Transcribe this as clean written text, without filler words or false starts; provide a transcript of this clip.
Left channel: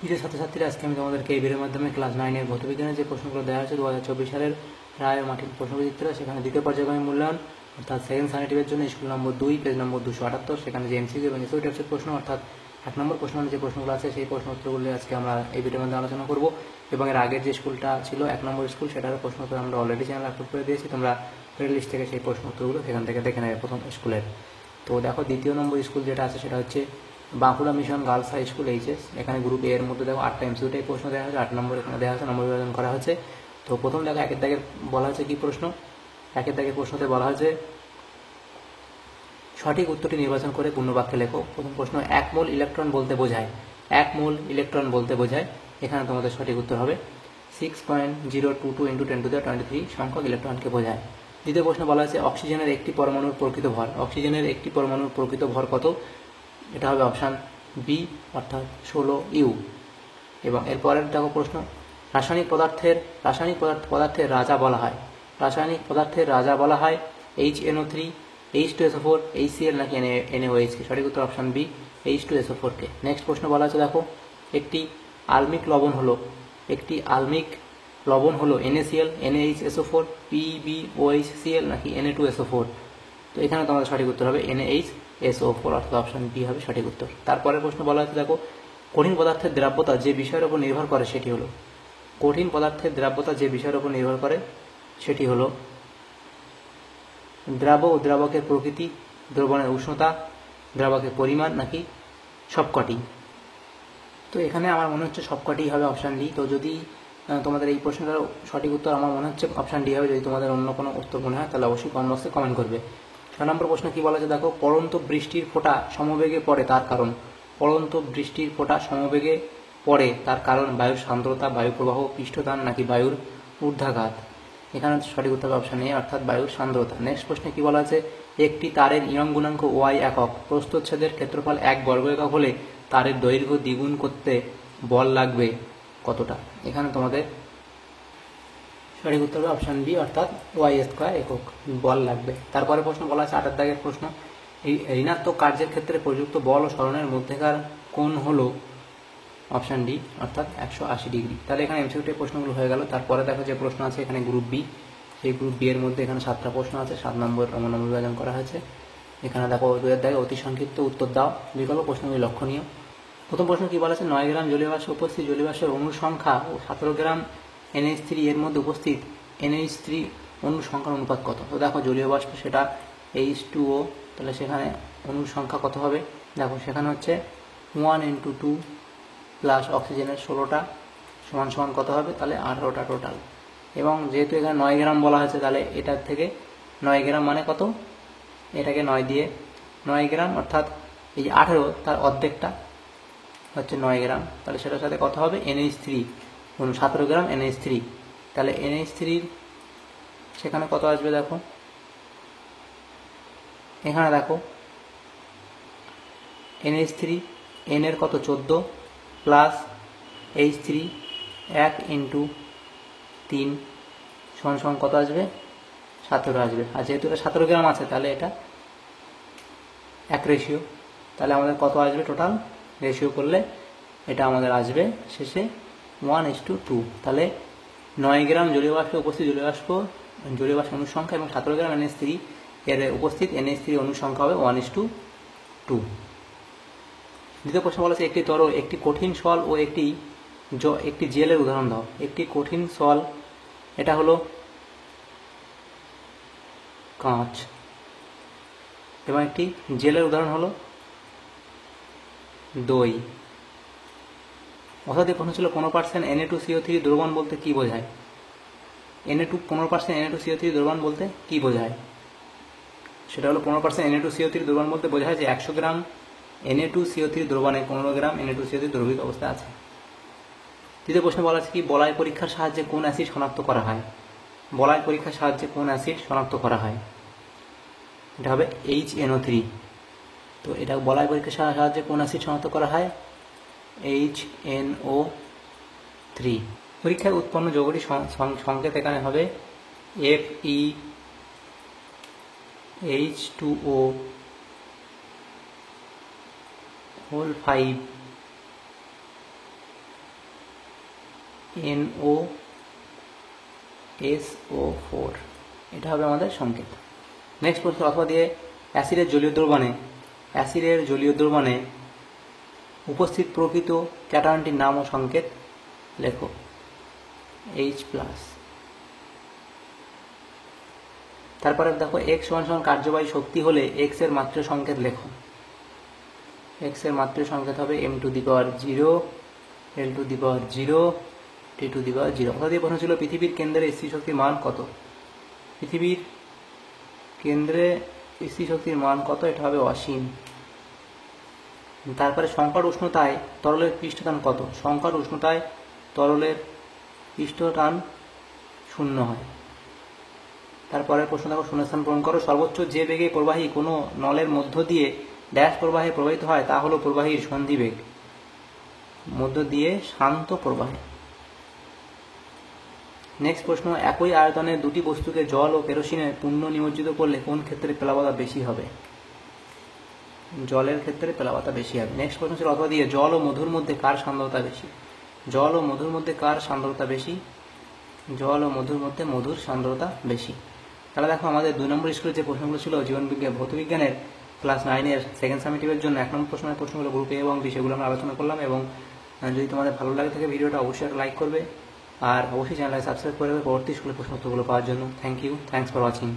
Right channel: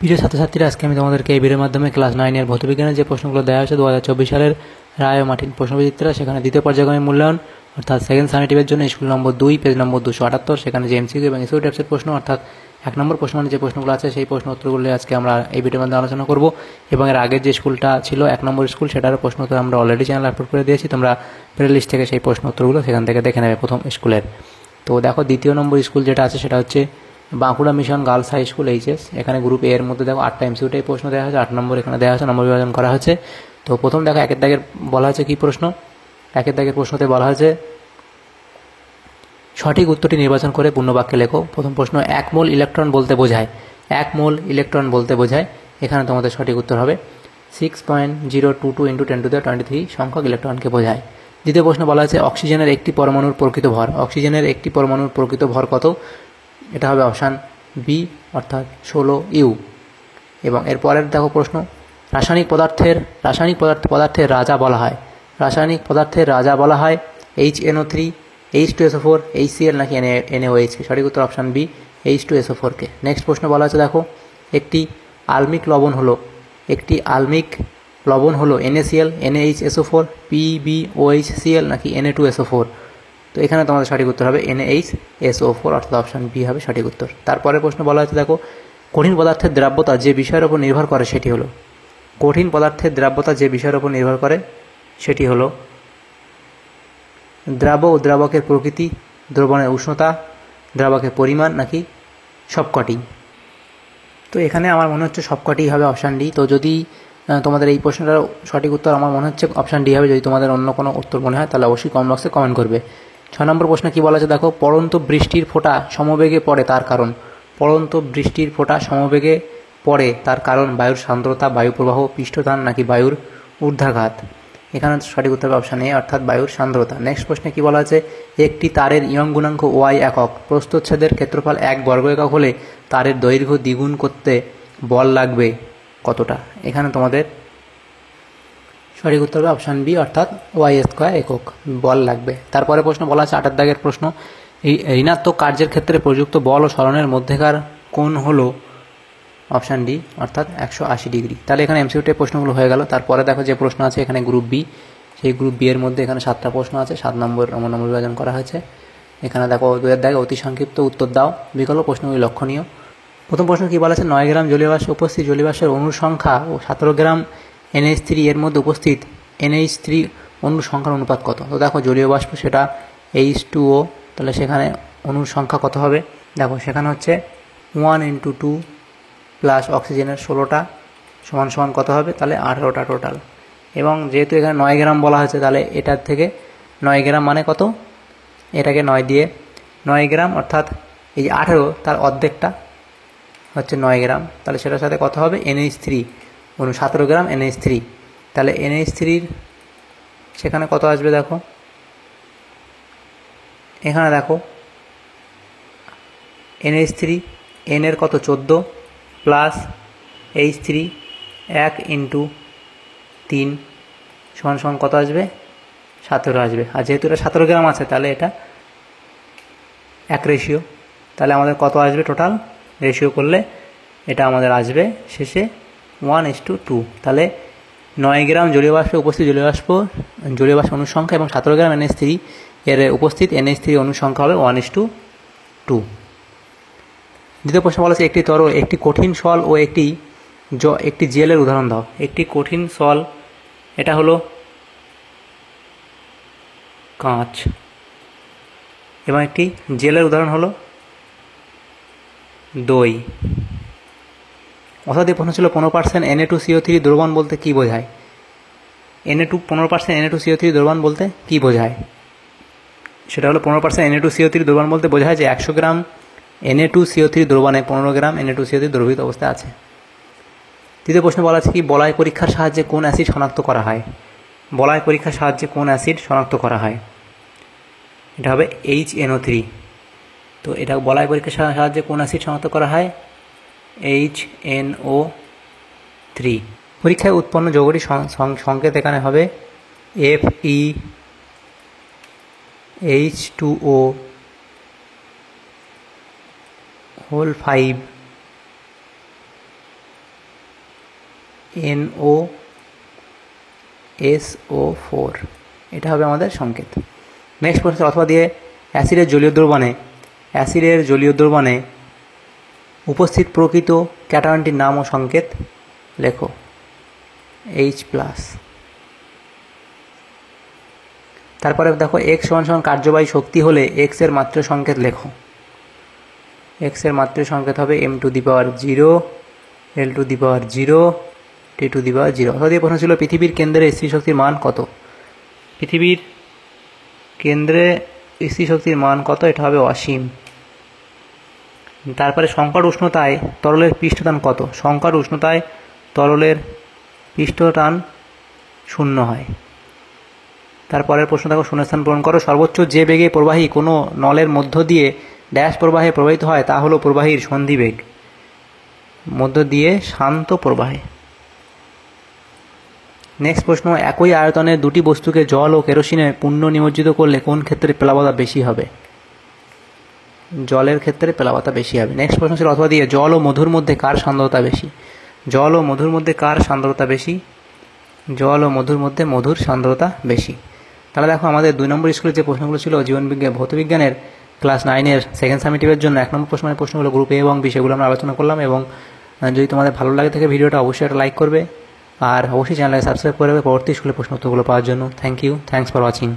প্রিয় ছাত্রছাত্রীরা, আজকে আমি তোমাদেরকে এই ভিডিওর মাধ্যমে ক্লাস 9 এর ভৌতবিজ্ঞানের যে প্রশ্নগুলো দেওয়া হয়েছে 2024 সালের রায় ও মার্টিন প্রশ্নবিচিত্রা, সেখানে দ্বিতীয় পর্যায়ক্রমিক মূল্যায়ন অর্থাৎ সেকেন্ড সামেটিভের জন্য স্কুল নম্বর 2 পেজ নম্বর 278, সেখানে যে এমসিকিউ এবং এসইউ টাইপসের প্রশ্ন অর্থাৎ 1 নম্বর প্রশ্ন মানে যে প্রশ্নগুলো আছে সেই প্রশ্ন উত্তরগুলো আজকে আমরা এই ভিডিওর মধ্যে আলোচনা করব। এবং এর আগের যে স্কুলটা ছিল 1 নম্বর স্কুল, সেটারও প্রশ্ন উত্তর আমরা অলরেডি চ্যানেলে আপলোড করে দিয়েছি। তোমরা প্লে লিস্ট থেকে সেই প্রশ্ন উত্তরগুলো সেখান থেকে দেখে নেবে প্রথম স্কুলের। তো দেখো, দ্বিতীয় নম্বর স্কুল যেটা আছে সেটা হচ্ছে Bankura mission girls high school HS. এখানে গ্রুপ এর মধ্যে দেখো 8টা এমসিকিউ প্রশ্ন দেওয়া হয়েছে, 8 নম্বর এখানে দেওয়া হয়েছে, নম্বর বিভাজন করা হয়েছে। তো প্রথম দেখো, একের দাগের বলা হয়েছে কি প্রশ্ন। একের দাগের প্রশ্নতে বলা হয়েছে সঠিক উত্তরটি নির্বাচন করে পূর্ণ বাক্যে লেখো। প্রথম প্রশ্ন, 1 মোল ইলেকট্রন বলতে বোঝায়। 1 মোল ইলেকট্রন বলতে বোঝায়, এখানে তোমাদের সঠিক উত্তর হবে 6.022 × 10⁻23 সংখ্যক ইলেকট্রনকে বোঝায়। দ্বিতীয় প্রশ্ন বলা হয়েছে অক্সিজেনের একটি পরমাণুর প্রকৃত ভর। অক্সিজেনের একটি পরমাণুর প্রকৃত ভর কত? এটা হবে অপশান বি অর্থাৎ 16 ইউ। এবং এরপরের দেখো প্রশ্ন, রাসায়নিক পদার্থের রাজা বলা হয়। রাসায়নিক পদার্থের রাজা বলা হয় HNO3, H2SO4, HCl নাকি NaOH। সঠিক উত্তর অপশান বি H2SO4 কে। নেক্সট প্রশ্ন বলা হচ্ছে দেখো, একটি আলমিক লবণ হলো NaCl, NaHSO4, PbOHCl নাকি Na2SO4। তো এখানে তোমাদের সঠিক উত্তর হবে NaHSO4 অর্থাৎ অপশান বি হবে সঠিক উত্তর। তারপরে প্রশ্ন বলা হচ্ছে দেখো, কঠিন পদার্থের দ্রাব্যতা যে বিষয়ের উপর নির্ভর করে সেটি হলো। কঠিন পদার্থের দ্রাব্যতা যে বিষয়ের উপর নির্ভর করে সেটি হলো দ্রাব্য ও দ্রাবকের প্রকৃতি, দ্রবণের উষ্ণতা, দ্রাবকের পরিমাণ নাকি সবকটি। তো এখানে আমার মনে হচ্ছে সবকটি হবে অপশান ডি। তো যদি তোমাদের এই প্রশ্নটার সঠিক উত্তর আমার মনে হচ্ছে অপশান ডি হবে। যদি তোমাদের অন্য কোনো উত্তর মনে হয় তাহলে অবশ্যই কমেন্ট বক্সে কমেন্ট করবে। 6 নম্বর প্রশ্ন কি বলা আছে দেখো, পড়ন্ত বৃষ্টির ফোঁটা সমবেগে পড়ে তার কারণ। পড়ন্ত বৃষ্টির ফোঁটা সমবেগে পড়ে তার কারণ বায়ুর সান্দ্রতা, বায়ু প্রবাহ, পৃষ্ঠটান নাকি বায়ুর ঊর্ধ্বাঘাত। এখানে সঠিক উত্তর হবে অপশান এ অর্থাৎ বায়ুর সান্দ্রতা। নেক্সট প্রশ্নে কি বলা আছে, একটি তারের ইয়ং গুণাঙ্ক ওয়াই একক, প্রস্থচ্ছেদের ক্ষেত্রফল 1 বর্গ একক হলে তারের দৈর্ঘ্য দ্বিগুণ করতে বল লাগবে কতটা? এখানে তোমাদের সঠিক উত্তর হবে অপশান বি অর্থাৎ y² একক বল লাগবে। তারপরে প্রশ্ন বলা আছে 8 দাগের প্রশ্ন, এই ঋণাত্মক কার্যের ক্ষেত্রে প্রযুক্ত বল ও সরণের মধ্যেকার কোণ হলো অপশান ডি অর্থাৎ 180 ডিগ্রি। তাহলে এখানে এমসিকিউ প্রশ্নগুলো হয়ে গেল। তারপরে দেখো যে প্রশ্ন আছে এখানে গ্রুপ বি, সেই গ্রুপ বি এর মধ্যে এখানে 7টা প্রশ্ন আছে, 7 নম্বর নম্বর বিভাজন করা হয়েছে। এখানে দেখো 2 দাগে অতি সংক্ষিপ্ত উত্তর দাও, বিকল্প প্রশ্নগুলি লক্ষণীয়। প্রথম প্রশ্ন কি বলা আছে, 9 গ্রাম জলীয় বাষ্পে উপস্থিত জলীয় বাষ্পের অণুর সংখ্যা ও 17 গ্রাম NH3 এর মধ্যে উপস্থিত NH3 অণুর সংখ্যার অনুপাত কত? তো দেখো জলীয় বাষ্প সেটা H2O, তাহলে সেখানে অণুর সংখ্যা কত হবে? দেখো সেখানে হচ্ছে 1 × 2 প্লাস অক্সিজেনের 16টা সমান সমান কত হবে? তাহলে 18টা টোটাল। এবং যেহেতু এখানে 9 গ্রাম বলা হয়েছে, তাহলে এটার থেকে 9 গ্রাম মানে কত? এটাকে 9 দিয়ে 9 গ্রাম অর্থাৎ এই যে 18 তার অর্ধেকটা হচ্ছে 9 গ্রাম, তাহলে সেটার সাথে কত হবে? NH3 17 গ্রাম NH3। তাহলে NH3 সেখানে কত আসবে দেখো, এখানে দেখো NH3 N এর কত 14 প্লাস H3 1 × 3 সমান সমান কত আসবে? 17 আসবে। আর যেহেতু এটা 17 গ্রাম আছে তাহলে এটা 1 রেশিও, তাহলে আমাদের কত আসবে টোটাল রেশিও করলে? এটা আমাদের আসবে শেষে 1:2। তাহলে 9 গ্রাম জলীয় বাষ্পে উপস্থিত জলীয় বাষ্প অণুর সংখ্যা এবং 17 গ্রাম NH3 এর উপস্থিত NH3 অণুর সংখ্যা হবে 1:2। দ্বিতীয় প্রশ্ন বলা আছে একটি তরল, একটি কঠিন সল ও একটি জেলের উদাহরণ দাও। একটি কঠিন সল এটা হলো কাঁচ এবং একটি জেলের উদাহরণ হলো দই। অর্থাৎ এই প্রশ্ন ছিল 15% Na2CO3 দ্রবণ বলতে কী বোঝায়? 15% Na2CO3 দ্রবণ বলতে কী বোঝায়? সেটা হলো 15% Na2CO3 দ্রবণ বলতে বোঝায় যে 100 গ্রাম Na2CO3 দ্রবণে 15 গ্রাম Na2CO3 দ্রবীভূত অবস্থায় আছে। তৃতীয় প্রশ্ন বলা আছে কি, বলয় পরীক্ষার সাহায্যে কোন অ্যাসিড শনাক্ত করা হয়? বলয় পরীক্ষার সাহায্যে কোন অ্যাসিড শনাক্ত করা হয়? এটা হবে HNO3। তো এটা বলয় পরীক্ষার সাহায্যে কোন অ্যাসিড শনাক্ত করা হয়? HNO3। পরীক্ষায় উৎপন্ন যৌগটির সংকেত এখানে হবে FeH2O5 NOSO4, এটা হবে আমাদের সংকেত। নেক্সট প্রশ্ন, অথবা দিয়ে অ্যাসিডের জলীয় দ্রবণে উপস্থিত প্রকৃত ক্যাটায়নটির নাম ও সংকেত লেখো। H+। তারপরে দেখো x = কার্যবাহী শক্তি হলে x এর মাত্রা সংকেত লেখো। x এর মাত্রা সংকেত হবে m⁻0, l⁻0, t⁻0। অর্থাৎ এই প্রশ্ন ছিল পৃথিবীর কেন্দ্রে স্থির শক্তির মান কত। পৃথিবীর কেন্দ্রে স্থির শক্তির মান কত, এটা হবে অসীম। তারপরে সংকট উষ্ণতায় তরলের পৃষ্ঠটান কত। সংকট উষ্ণতায় তরলের পৃষ্ঠটান 0 হয়। তারপরের প্রশ্ন দেখো, শূন্যস্থান পূরণ করো। সর্বোচ্চ যে বেগে প্রবাহী কোনো নলের মধ্য দিয়ে ড্যাশ প্রবাহে প্রবাহিত হয় তা হলো প্রবাহীর সন্ধিবেগ, মধ্য দিয়ে শান্ত প্রবাহে। নেক্সট প্রশ্ন, একই আয়তনের দুটি বস্তুকে জল ও কেরোসিনে পুনঃ নিমজ্জিত করলে কোন ক্ষেত্রে প্লাবতা বেশি হবে। জলের ক্ষেত্রে প্লাবতা বেশি হবে। নেক্সট প্রশ্ন ছিল, অথবা দিয়ে জল ও মধুর মধ্যে কার সান্দ্রতা বেশি। জল ও মধুর মধ্যে কার সান্দ্রতা বেশি। জল ও মধুর মধ্যে মধুর সান্দ্রতা বেশি। তাহলে দেখো আমাদের 2 নম্বর স্কুলের যে প্রশ্নগুলো ছিল ভৌতবিজ্ঞানের ক্লাস 9-এর সেকেন্ড সামেটিভের জন্য 1 নম্বর প্রশ্নগুলো গ্রুপ A এবং B, সেগুলো আমরা আলোচনা করলাম। এবং যদি তোমাদের ভালো লাগে থাকে ভিডিওটা অবশ্যই একটা লাইক করবে, আর অবশ্যই চ্যানেলকে সাবস্ক্রাইব করবে পরবর্তী স্কুলের প্রশ্ন উত্তরগুলো পাওয়ার জন্য। Thanks for watching.